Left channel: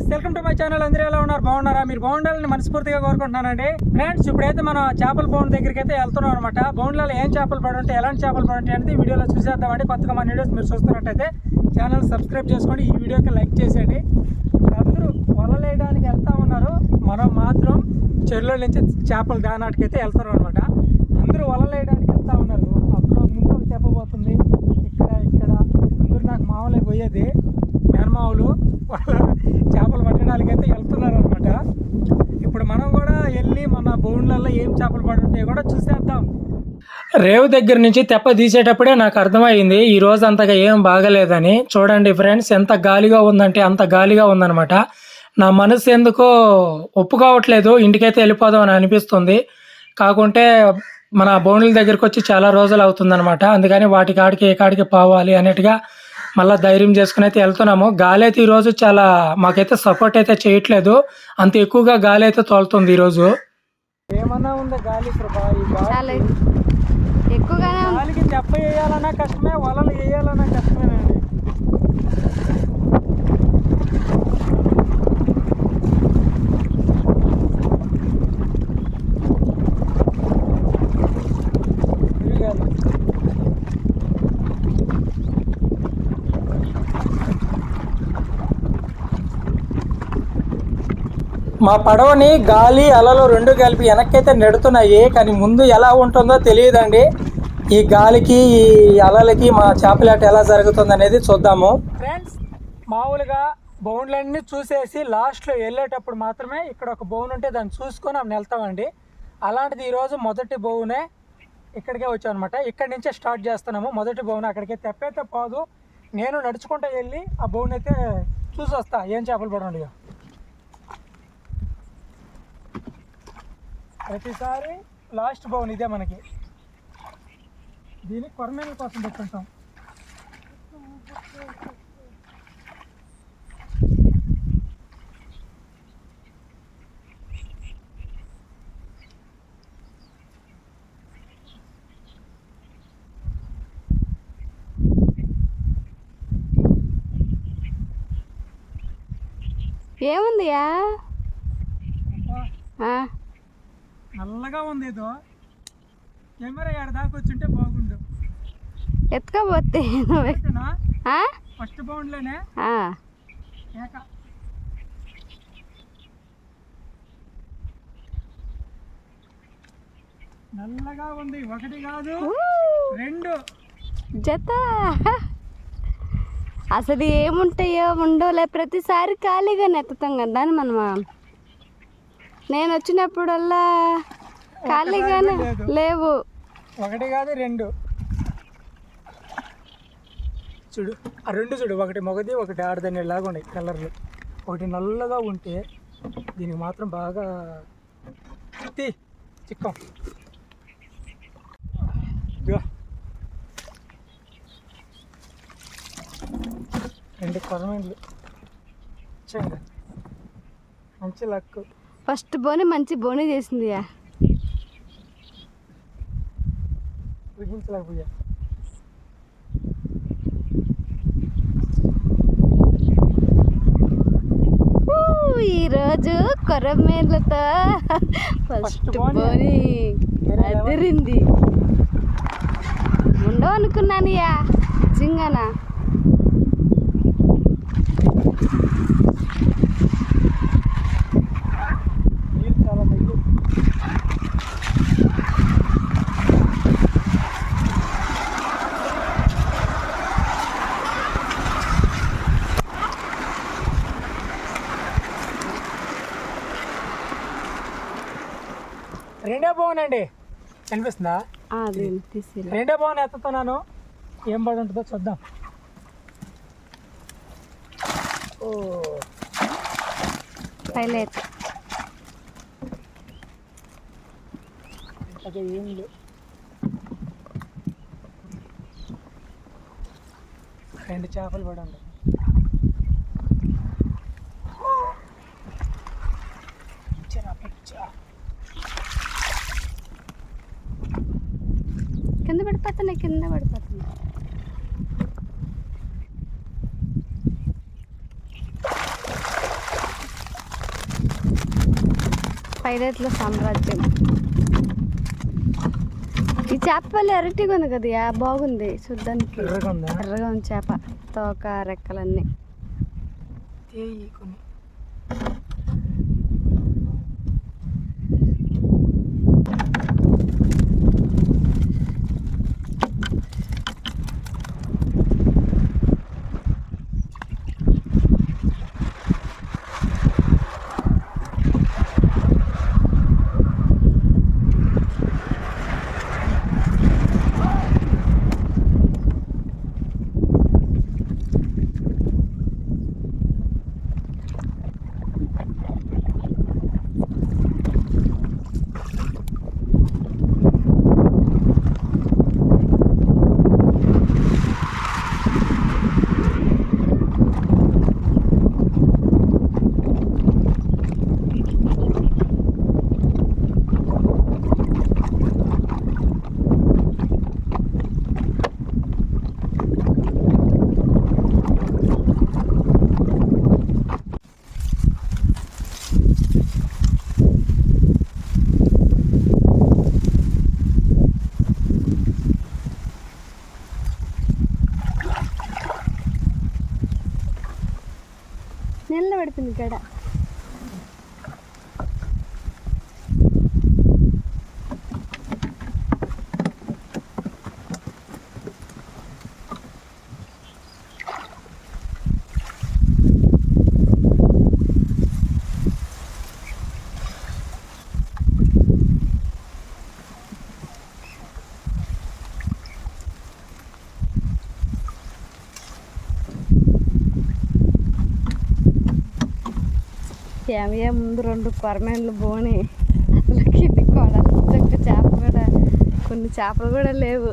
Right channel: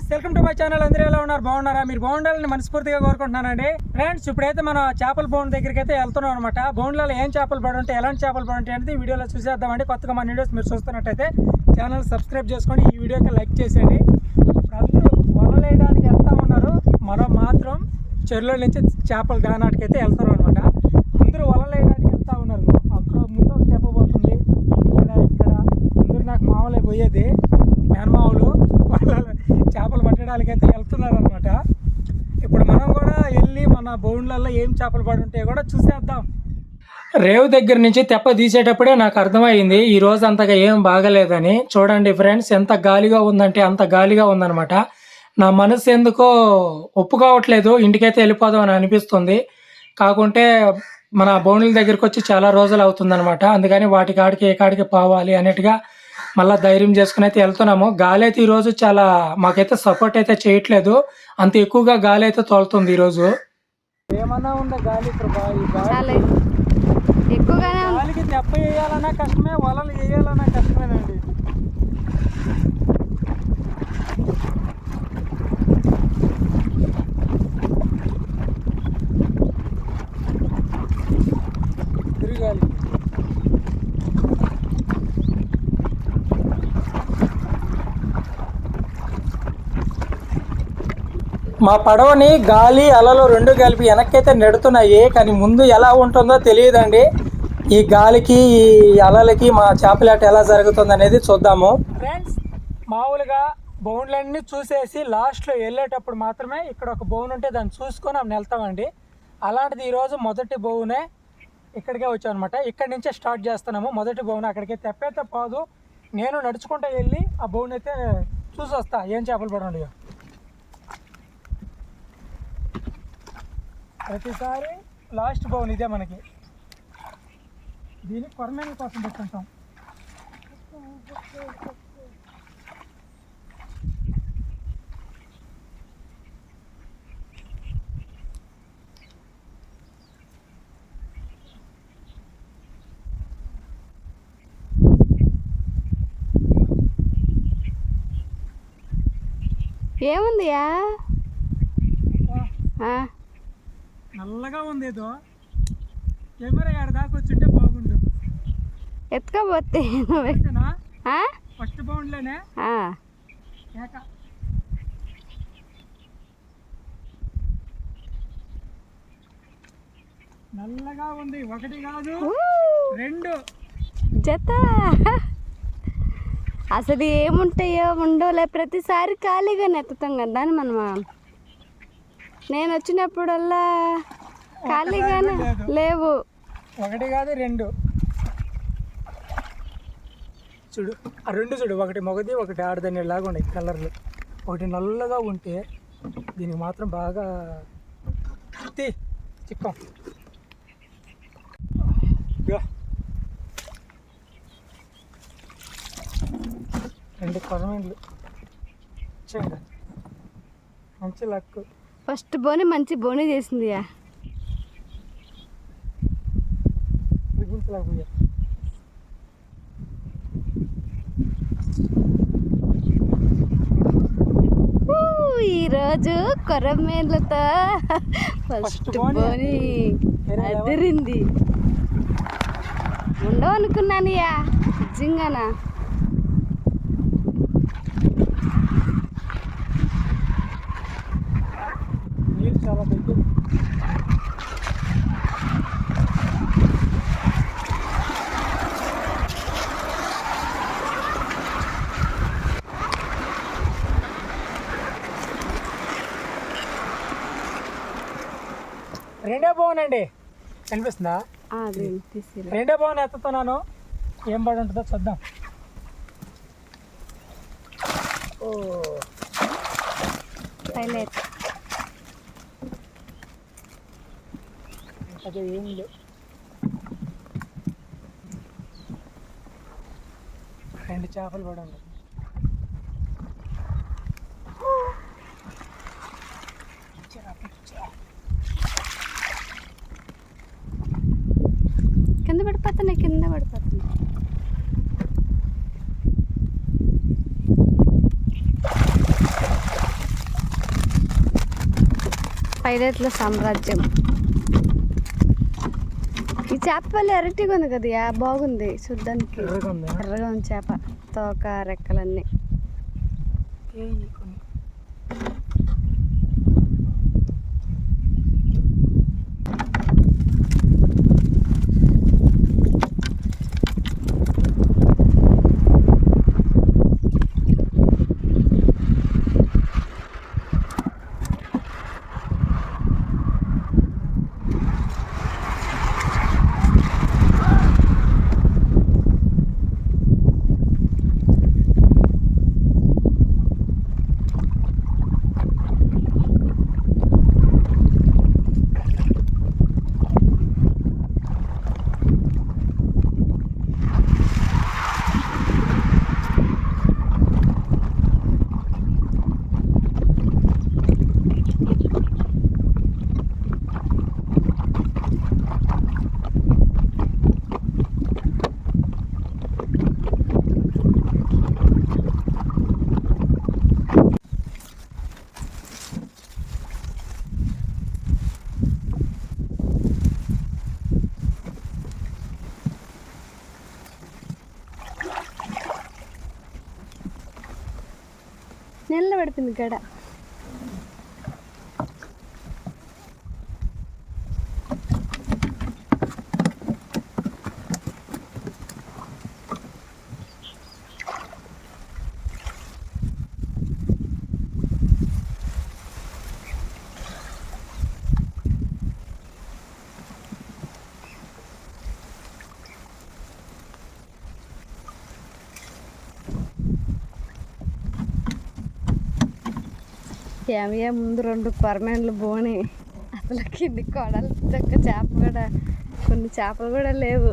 Friends, welcome to my channel. అందరూ ఎలా ఉన్నారు? బాగున్నారా? మీరు బాగుండాలని మనస్ఫూర్తిగా కోరుకుంటున్నానండి. ఫ్రెండ్స్, ఇప్పుడైతే మనం చేపల బౌండ్ దగ్గరికి అయితే వెళ్తున్నాం అనమాట. బౌండ్లలో ఏం చేపలు పడి ఉంటాయి, ఎలాంటి చేపలు పడి ఉంటాయి అనేది వీడియోలో చూసేద్దామండి. కొత్తగా మన వీడియోస్ మీరు చూస్తున్నట్టయితే ఛానల్ సబ్స్క్రైబ్ చేసుకోండి, ఈ వీడియోకి లైక్ చేసేయండి. అందరూ వలలు వేయడానికి వెళ్తా ఉన్నారు, మనం మాత్రం చెరువుల నుంచి చేపల దానాటికి అయితే వెళ్తున్నాం అనమాట. అందరూ వలలు వేయడానికి వెళ్తా ఉన్నారు. అక్కడ ముందు ఒక తెప్ప పోతుంది, ఇక్కడ అందరూ నాకు మామూలు పోయేది మేనమావులు వాళ్ళ చేపలు పట్టడానికి అయితే వెళ్తున్నారు అనమాట. ఇప్పుడు మనం కూడా వెళ్ళి మన బౌండ్లలో ఏం చేపలు పడి ఉంటాయో కూడా చూసేద్దాం. రేవు దగ్గర నుంచి తెప్ప తీసేటప్పుడే నాకు అర్థమైంది ఈ రోజు అంతగా ఏం బాగలేదని. చూడండి ఫ్రెండ్స్, ఎంత గాలిగా ఉందంటే అంత గాలిగా ఉందన్నమాట. నా మనసు ఎందుకో ఒప్పుకోవట్లేదు, ఇంటికైతే వెళ్ళిపోదాం అని అనిపిస్తుంది. కాకుంటే మన బౌండ్ల దగ్గరికి వచ్చి చాలా రోజులు అవుతుందన్నమాట. అందుకని వాటి కాడికి ఏ కాడికి పోవాలి అన్నట్టుగా మళ్ళీ ధైర్యం చేసుకుని అయితే వెళ్తున్నాము. గాలి అయితే ఈరోజు చాలా మాకైతే సపోర్ట్ అయితే చేయట్లేదు, అంత ఎక్కువగా గాలి అయితే తోలుతుంది ఈరోజు. ఏమన్నా ఉందా గాలి? చాలా ఎక్కువగానే గాలికి తెప్ప వేయాలన్నా కష్టమే, వలలు వేయాలన్నా కష్టమేనండి. తిరగాలి. మా పడవని గాలి అలలు రెండు కలిపి వెనక్కైతే నెడుతున్నాయి, కానీ ముందు ఎలా ఉంటుందో తెలియదండి. ఈ గాలికి ఈ అలలకి మా చేపలాట ఎలా జరుగుతుంది అనేది చూద్దాము. ఫ్రెండ్స్, మామూలుగా బౌండ్లన్నీ చూసేసి లాస్ట్లో వెళ్ళేటప్పుడు మాత్రమే ఇక్కడ ఒక బౌన్ ఉంటే దాన్ని చూసుకొని ఆమె వెళ్తామండి. అలాంటిది ఈరోజు మొదటి బౌనే ఇక్కడికే వచ్చాం అనమాట. ఇక్కడి నుంచే స్టార్ట్ చేస్తున్నాము. మొదటి బౌన్ అక్కడికి తెప్పైతే పోదు, నేను నడుచుకుంటూ వెళ్ళి ఆ బౌన్ అయితే చూసి వస్తా ఏం చేపలు పడి ఉన్నాయో. ప్రతిసారి లాస్ట్ బౌన్ ఇదే మనకి. దీన్ని కొరమేనల కోసం పెట్టుకుంటాం. ఏముందియా? నల్లగా ఉంది, ఏదో కెమెరా గారి దాకా వచ్చుంటే బాగుండు. ఎత్తుకపోతే ఫస్ట్ బౌండ్లోనే నల్లగా ఉంది. ఒకటి కాదు, రెండు జత. అసలు ఏముంటాయో ఉండోలే, ప్రతిసారి ఖాళీగా నెత్తుతాం కదా అని మనం. నేను వచ్చినప్పుడల్లా ఖాళీగానే లేవు. ఒకటి కాదు, రెండు. చూడు ఆ రెండు చూడు, ఒకటి మొగది ఒకటి ఆడదని లాగా ఉన్నాయి కలర్లు. ఒకటి నల్లగా ఉంటే దీనికి మాత్రం బాగా చిక్కం. రెండు కొరమేండ్లు మంచి లక్. ఫస్ట్ బోని మంచి బోని చేసిందియా. బిగించలేకపోయా. ఈరోజు కొరమేళ్ళతో ఫస్ట్ బోని అదిరింది. ఉండవు అనుకున్నాను యా నిజంగానా. చాలా దగ్గర. రెండో బౌన్ అండి, కనిపిస్తుందా? రెండో బౌన్ ఎత్తుతున్నాను, ఏం పడి ఉంటుందో చూద్దాం. ఏం లేవు, రెండు చేపలు పడి ఉన్నాయి. కింద పడిపోతున్నాయి. పైలట్ల సామ్రాజ్యం. ఈ చేప వల్ల ఎరటిగా ఉంది కదా, బాగుంది చూడ్డానికి. ఎర్రగా ఉంది చేప, తోక రెక్కలన్నీ. నిలబడుతుంది గడ. ఏమయ్యా ముందు 2 కొరమేన్లు బోని, అసలు కింది కొడలు ఒక్క చేప కూడా, కొన్ని చేపలు కూడా లేవు.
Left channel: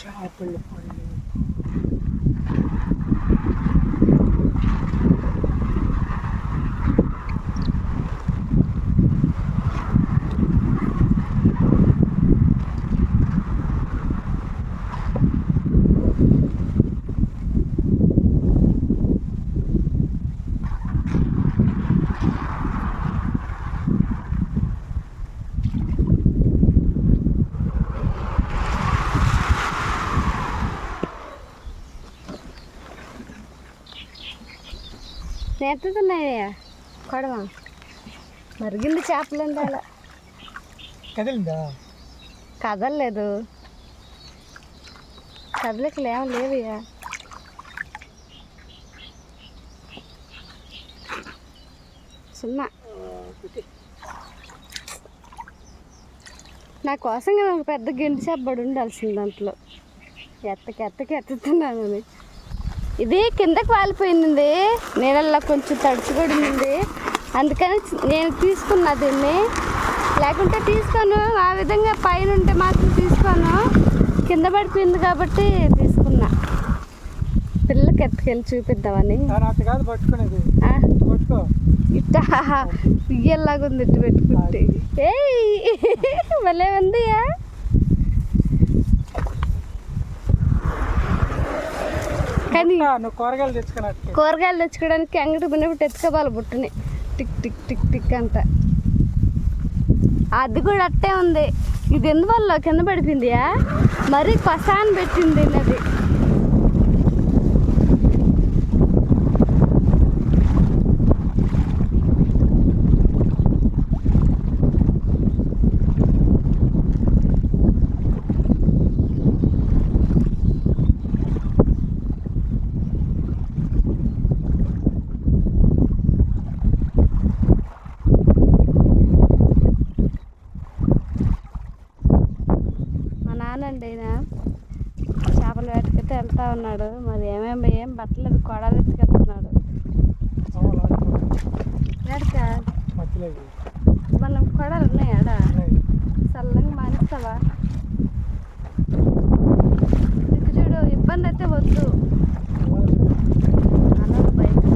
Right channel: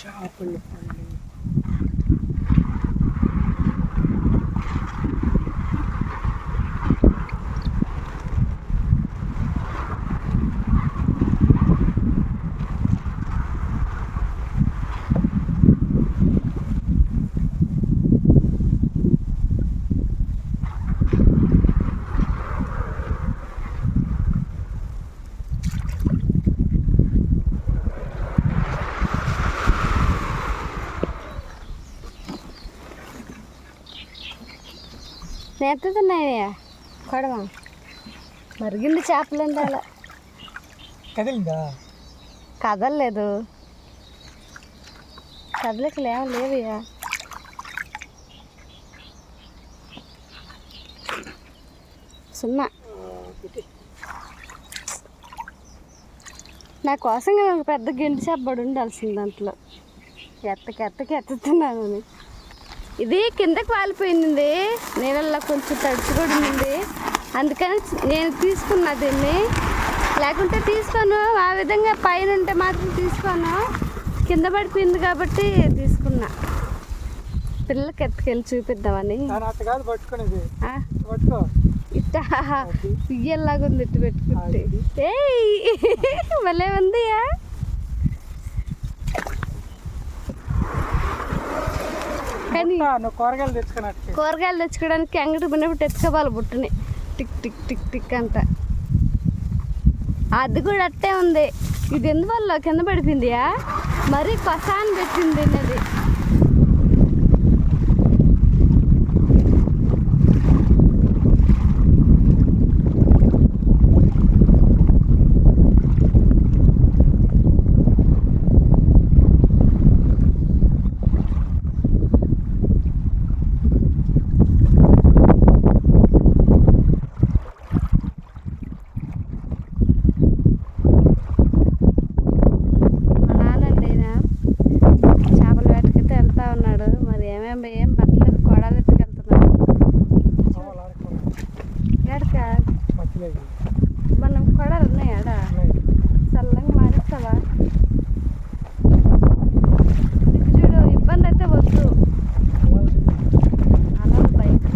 చేపలు పళ్ళు నెత్తుతున్నాయా కొడవ, మరిగింది చేపలు అలా. కదిలిందా? కదలలేదు, కదలికలు ఏమో లేవయ్యా. సున్నా నా కోసం ఒక పెద్ద గిండి చేప పడి ఉండాల్సింది దాంట్లో. ఎత్తుతున్నాను. ఇది కిందకి వాలిపోయింది, నీళ్ళల్లో కొంచెం తడిచి కూడా ఉంది, అందుకని నేను తీసుకున్నా దీన్ని. లేకుంటే తీసుకోను, ఆ విధంగా పైన ఉంటే మాత్రం తీసుకోను. కింద పడిపోయింది కాబట్టి తీసుకున్నా, పిల్లలకి ఎత్తుకెళ్ళి చూపిద్దామని. ఇట్టా ఇయ్యలాగా ఉంది, ఇట్టు పెట్టుకుంటే. భలే ఉందియా. కానీ కూరగాయలు తెచ్చుకోవడానికి అంగడి పోయినప్పుడు ఎత్తుకోవాలి బుట్టని, టిక్ టిక్ టిక్ టిక్ అంట. అది కూడా అట్టే ఉంది. ఇది ఎందువల్ల కింద పడిపోయిందియా, మరీ కొసాన్ని పెట్టింది అది. వెళ్తా ఉన్నాడు, మరి ఏం బట్టలేదు, కొడాలు ఎత్తుకెళ్తున్నాడు. మనం కొడాలు ఉన్నాయాడా, చల్లంగా మానేస్తావా? నీకు చూడు ఇబ్బంది అయితే వద్దు, అలా బైక్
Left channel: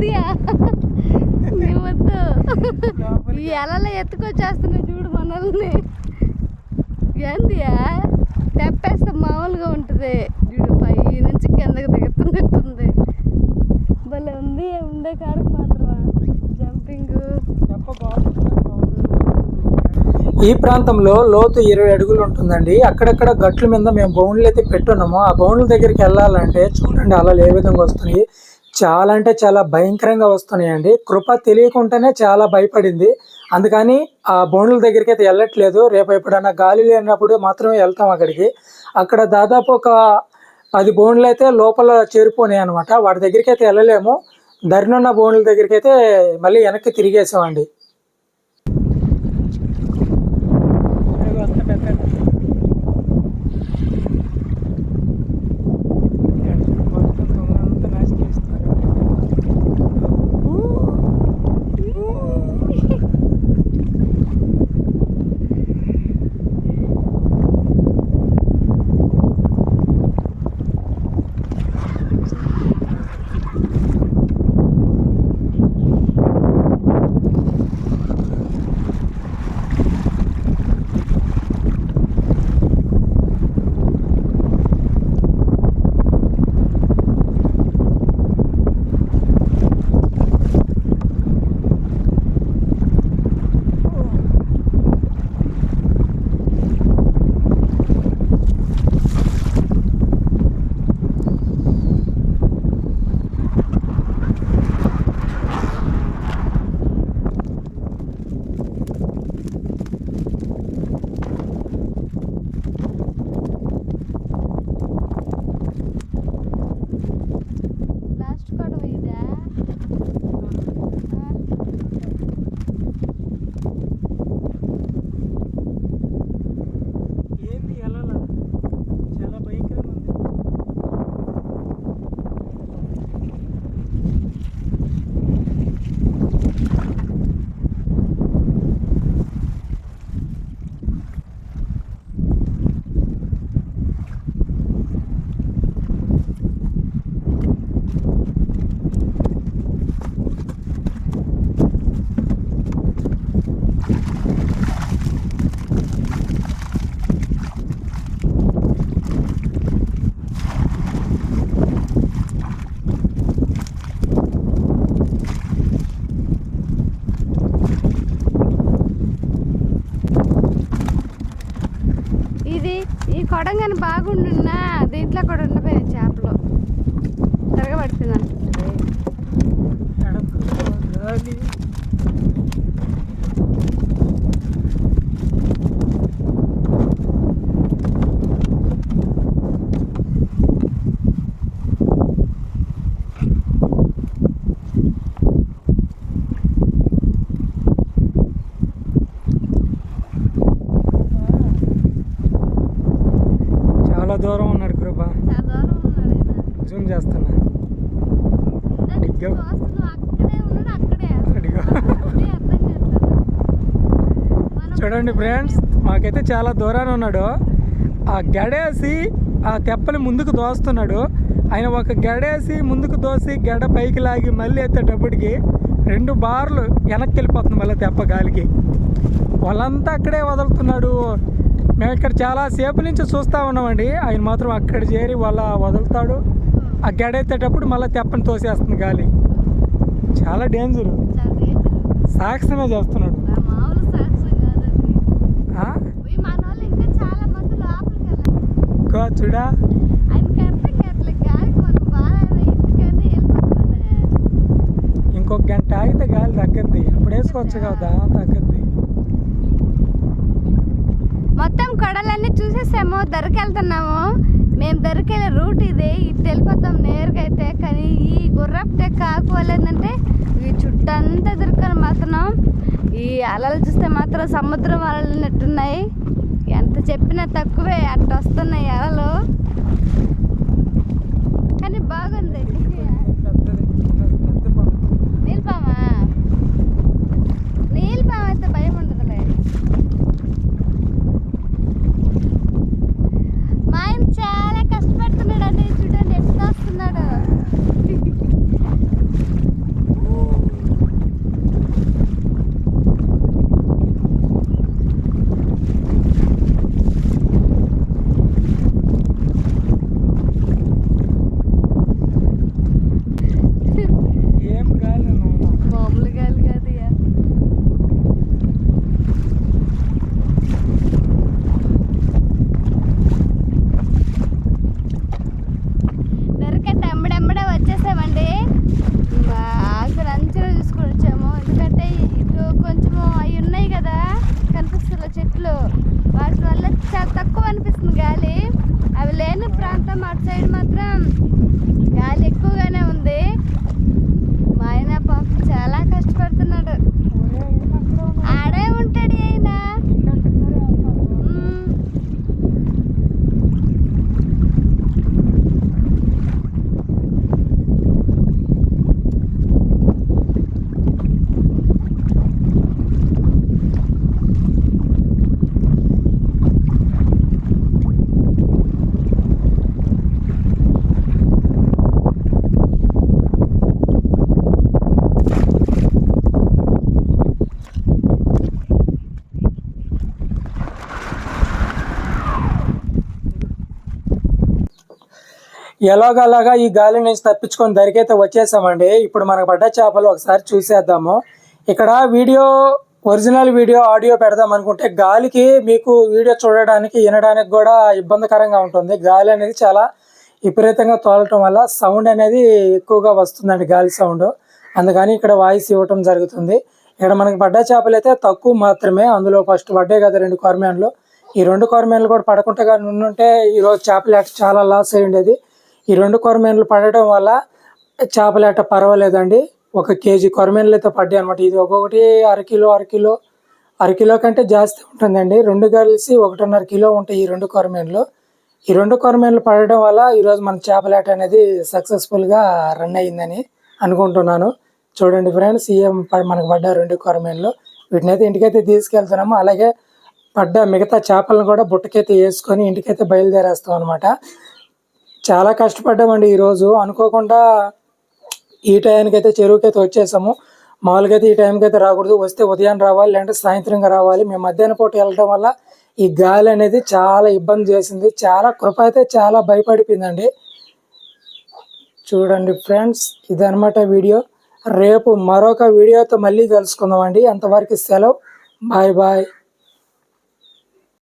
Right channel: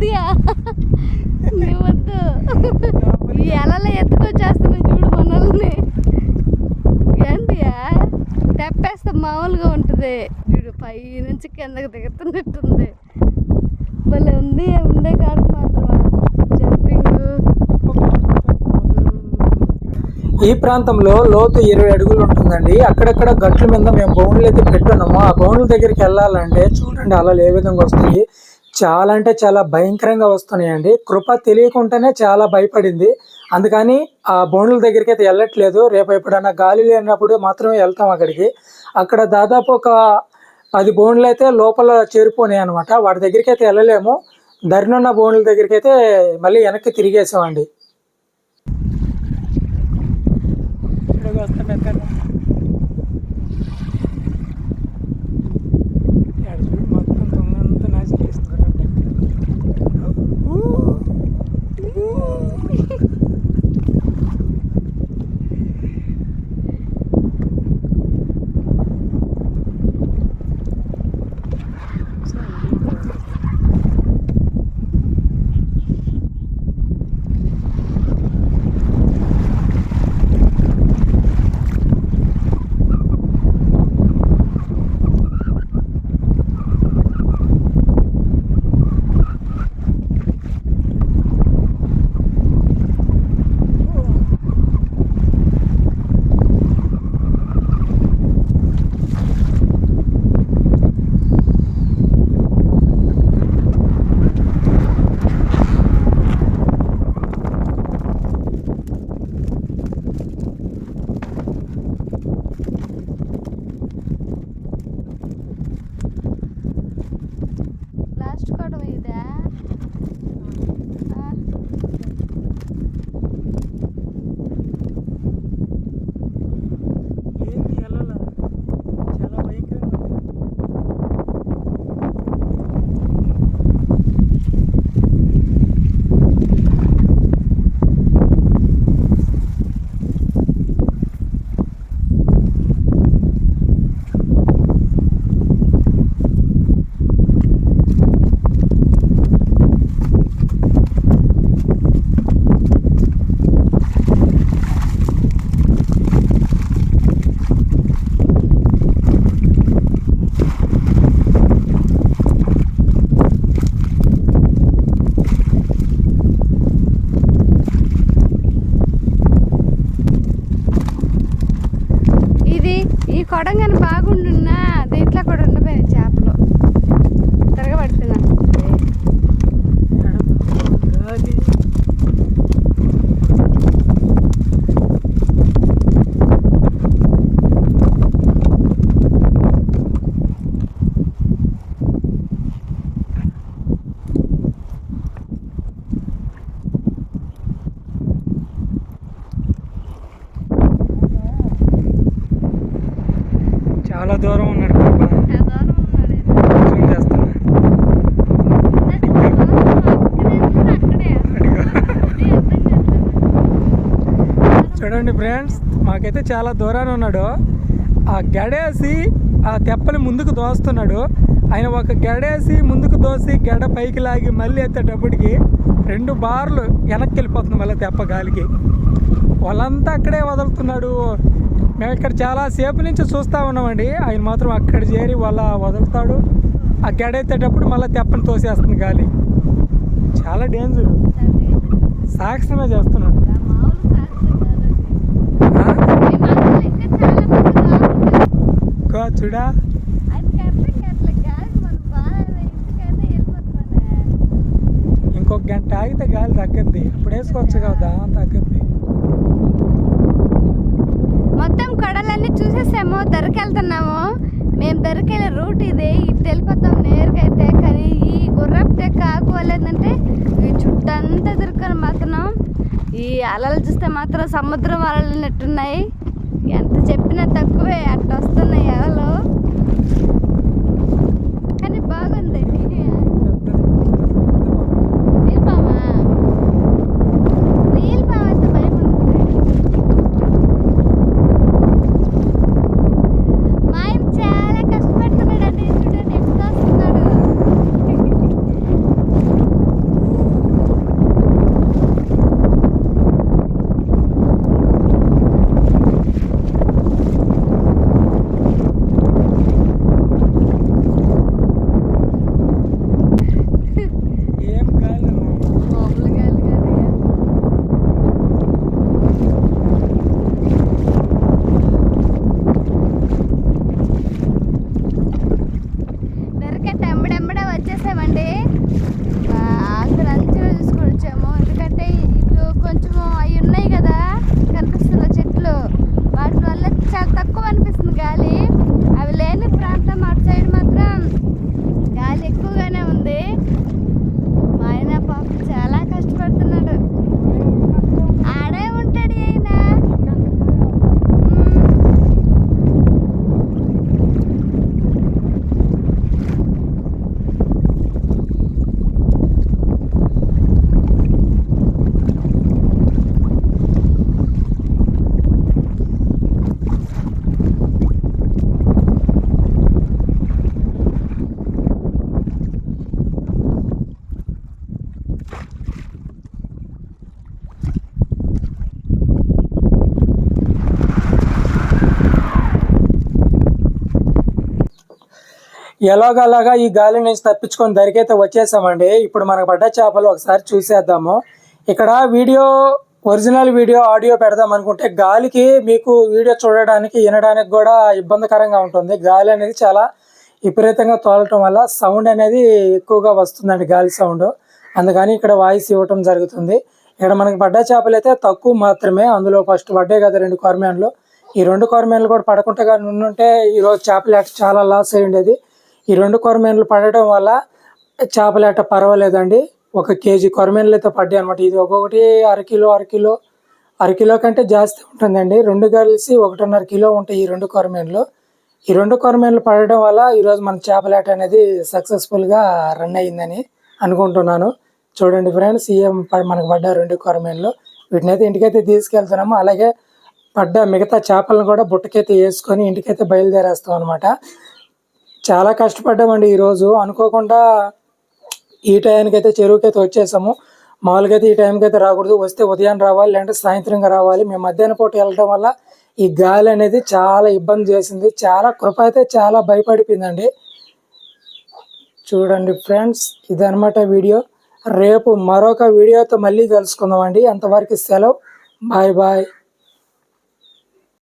వద్దుయా నీ వద్దు. ఈ అలలో ఎత్తుకొచ్చేస్తున్నాయి చూడు మనల్ని. ఏందియా తెప్పేస్తే మామూలుగా ఉంటుంది చూడు, పై నుంచి కిందకి దిగుతున్నట్టుంది. భలే ఉంది ఉండే కాడికి మాత్రమా జంపింగ్. ఈ ప్రాంతంలో లోతు 20 అడుగులు ఉంటుందండి. అక్కడక్కడ గట్ల మీద మేము బౌండ్లు అయితే పెట్టున్నాము. ఆ బౌండ్ల దగ్గరికి వెళ్ళాలంటే చూడండి అలలు ఏ విధంగా వస్తున్నాయి. చాలా అంటే చాలా భయంకరంగా వస్తున్నాయండి. కృప తెలియకుండానే చాలా భయపడింది. అందుకని ఆ బౌండ్ల దగ్గరికి అయితే వెళ్ళట్లేదు. రేపు ఎప్పుడైనా గాలి లేనప్పుడు మాత్రమే వెళ్తాం అక్కడికి. అక్కడ దాదాపు ఒక 10 బౌండ్లు అయితే లోపల చేరిపోయినాయి అనమాట. వాటి దగ్గరికి అయితే వెళ్ళలేము. ధరినున్న బౌండ్ల దగ్గరికి అయితే మళ్ళీ వెనక్కి తిరిగేసామండి. కొడంగానే బాగుండున్నా దీంట్లో కూడా ఉండిపోయినాయి చేపలు. తిరగబడుతున్నా చాలా దూరం ఉన్నాడు బాబా. జూమ్ చేస్తున్నా. చూడండి ఫ్రెండ్స్, మాకైతే చాలా దూరాన్ని ఉన్నాడు. ఆ గడేసి ఆ తెప్పని ముందుకు దోస్తున్నాడు. ఆయన ఒక గడేసి ముందుకు దోసి గడ పైకి లాగి మళ్ళీ ఎత్తేటప్పటికి 2 బార్లు వెనక్కి వెళ్ళిపోతుంది మళ్ళీ తెప్ప గాలికి. వాళ్ళంతా అక్కడే వదులుతున్నాడు. మేము ఇక్కడ చాలా సేపు నుంచి చూస్తూ ఉన్నామండి. ఆయన మాత్రం అక్కడ చేరి వాళ్ళ వదులుతాడు. ఆ గడ ఎత్తేటప్పుడు మళ్ళీ తెప్పని తోసేస్తుంది గాలి. చాలా డేంజరు. సాక్షిగా చేస్తున్నాడు. చూడా ఇంకొక గంట ఆగితే గాలి తగ్గద్ది. అప్పుడు వేసుకోవచ్చు కదా, తగ్గద్ది. మొత్తం కొడలన్నీ చూసేసాము, దొరికెళ్తున్నాము. మేము దొరికెళ్ళే రూట్ ఇది. ఇటు వెళ్ళిపోతాం నేరుగా అయితే. కానీ ఈ గుర్రపు టెక్క ఆకుపోలేదంటే ఈ చుట్టంతా దొరికాను మాత్రం. ఈ అలలు చూస్తే మాత్రం సముద్రం అలలు నెట్టున్నాయి. ఎంత చెప్పినా తక్కువే, అట్ట వస్తున్నాయి అలలు. కానీ బాగుంది. నీళ్ళపామా? నీళ్ళపామ అయితే భయం ఉంటుంది. మా ఆయన చాలా కష్టపడుతున్నాడు అండి. చూడండి ఎట్లా వస్తున్నాడు. అవి లేని ప్రాంతం అటు సైడ్ మాత్రం గాలి ఎక్కువగానే ఉంది. మా ఆయన పాపం చాలా కష్టపడుతున్నాడు. ఆడే ఉంటాడు ఆయన. ఎలాగలాగా ఈ గాలి నుంచి తప్పించుకొని దరికైతే వచ్చేసామండి. ఇప్పుడు మనకు పడ్డ చేపలు ఒకసారి చూసేద్దాము. ఇక్కడ వీడియో ఒరిజినల్ వీడియో ఆడియో పెడదాం అనుకుంటే గాలికి మీకు వీడియో చూడడానికి వినడానికి కూడా ఇబ్బందికరంగా ఉంటుంది. గాలి అనేది చాలా విపరీతంగా తోలటం వల్ల సౌండ్ అనేది ఎక్కువగా వస్తుందండి, గాలి సౌండ్. అందుకని ఇక్కడ వాయిస్ ఇవ్వటం జరుగుతుంది. ఇక్కడ మనకి పడ్డ చేపలు అయితే తక్కువ మాత్రమే. అందులో ఫస్ట్ పడ్డాయి కదా 2 కొరమేన్లు. ఈ 2 కొరమేన్లు కూడా పడకుండా కానీ ఉండుంటే ఈరోజు చేపలేట చాలా లాస్ అయి ఉండేది. ఈ 2 కొరమేన్లు పడటం వల్ల చేపలేట పర్వాలేదండి. 1 కేజీ కొరమేన్లు అయితే పడ్డాయి అనమాట. ఇది ఒక్కొక్కటి అరకిలో కంటే జాస్తి ఉంటుందండి. 2 కలిసి 1.5 కిలో ఉంటాయి ఈ 2 కొరమేన్లు. ఈ 2 కొరమేన్లు పడడం వల్ల ఈరోజు మన చేపలేట అనేది సక్సెస్ఫుల్గా రన్ అయ్యిందని అనుకుంటున్నాను. చూడండి ఫ్రెండ్స్, మనకు పడ్డ 2 కొరమేన్లు. వీటిని అయితే ఇంటికైతే తీసుకెళ్తున్నాము. అలాగే పడ్డ మిగతా చేపలను కూడా బుట్టకైతే వేసుకొని ఇంటికైతే బయలుదేరేస్తాం అనమాట. చాలా కష్టపడ్డామండి ఈరోజు. అనుకోకుండా ఈ టైంకి అయితే చెరువుకి అయితే వచ్చేసాము. మామూలుగా అయితే ఈ టైంకి అయితే రాకూడదు. వస్తే ఉదయం రావాలి, లేదంటే సాయంత్రంగా రావాలి. మేము మధ్యాహ్నం పూట వెళ్ళడం వల్ల ఈ గాలి అనేది చాలా ఇబ్బంది చేసింది. కృప అయితే చాలా భయపడిపోయిందండి. చూడండి ఫ్రెండ్స్, ఇదనమాట వీడియో. రేపు మరొక వీడియోతో మళ్ళీ కలుసుకుందామండి. అంతవరకు సెలవు. Bye bye.